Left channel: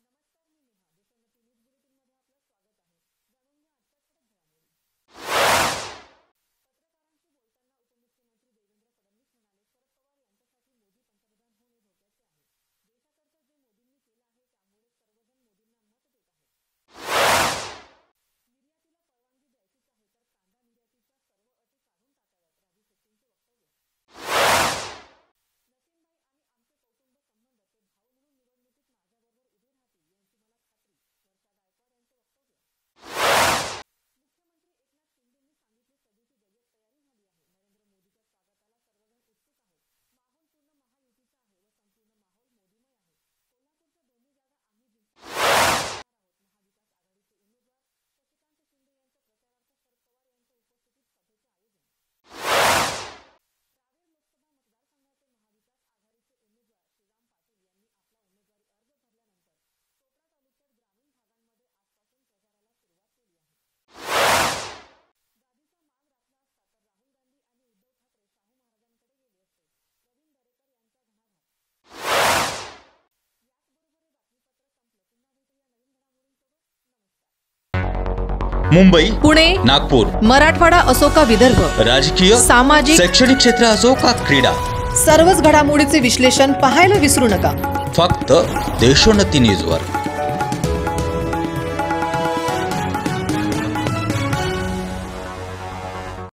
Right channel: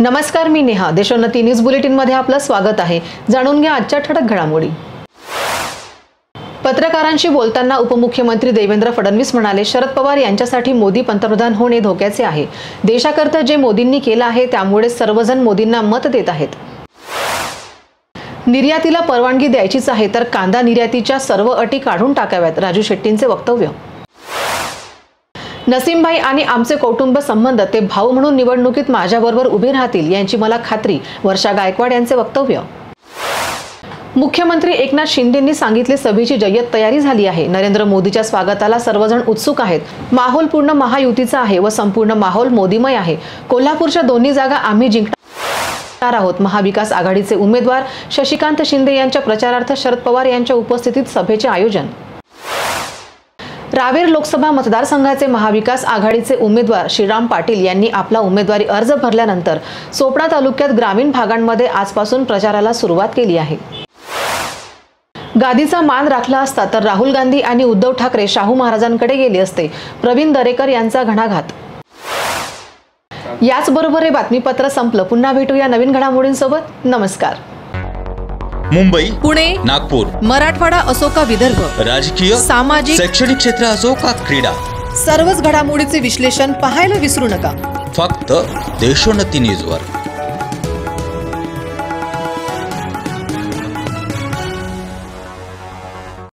नमस्कार, मी Neha. Deshonnati news bulletin मध्ये आपलं स्वागत आहे. जाणून घ्या आजच्या ठळक घडामोडी. पत्रकारांशी बोलताना उपमुख्यमंत्री देवेंद्र फडणवीस म्हणाले, शरद पवार यांच्यासाठी मोदी पंतप्रधान होणे धोक्याचे आहे. देशाकरता जे मोदींनी केलं आहे त्यामुळे सर्वजण मोदींना मत देत आहेत. निर्यातीला परवानगी द्यायचीच आहे तर कांदा निर्यातीच्या सर्व अटी काढून टाकाव्यात. राजू शेट्टींचे वक्तव्य. नसीमभाई आणि आमचे कौटुंब संबंध, ते भाऊ म्हणून निवडणुकीत माझ्याबरोबर उभे राहतील यांची मला खात्री. वर्षा गायकवाड यांचे वक्तव्य. मुख्यमंत्री एकनाथ शिंदेंनी सांगितले, सभेची जय्यत तयारी झाली आहे. नरेंद्र मोदीच्या स्वागताला सर्वजण उत्सुक आहेत. माहोल पूर्ण महायुतीचा आहे व संपूर्ण माहोल मोदीमय आहे. कोल्हापूरच्या दोन्ही जागा आम्ही जिंकणार आहोत. महाविकास आघाडीचे उमेदवार शशिकांत शिंदे यांच्या प्रचारार्थ शरद पवार यांच्या उपस्थितीत सभेचे आयोजन. रावेर लोकसभा मतदारसंघाचे महाविकास आघाडीचे उमेदवार श्रीराम पाटील यांनी आपला उमेदवारी अर्ज भरल्यानंतर सोपडा तालुक्यात ग्रामीण भागांमध्ये आजपासून प्रचाराला सुरुवात केली आहे. गादीचा मान राखला असता तर राहुल गांधी आणि उद्धव ठाकरे शाहू महाराजांकडे गेले असते. प्रवीण दरेकर यांचा घणाघात. याचबरोबर हे बातमीपत्र संपलं. पुन्हा भेटूया नवीन घडामोडींसोबत. नमस्कार. मुंबई, पुणे, नागपूर, मराठवाडा असो का विदर्भ, राजकीय, सामाजिक, शैक्षणिक क्षेत्र असो का क्रीडा, सर्वच घडामोडीचे विश्लेषण पाहायला विसरू नका. फक्त देशोन्नती न्यूजवर.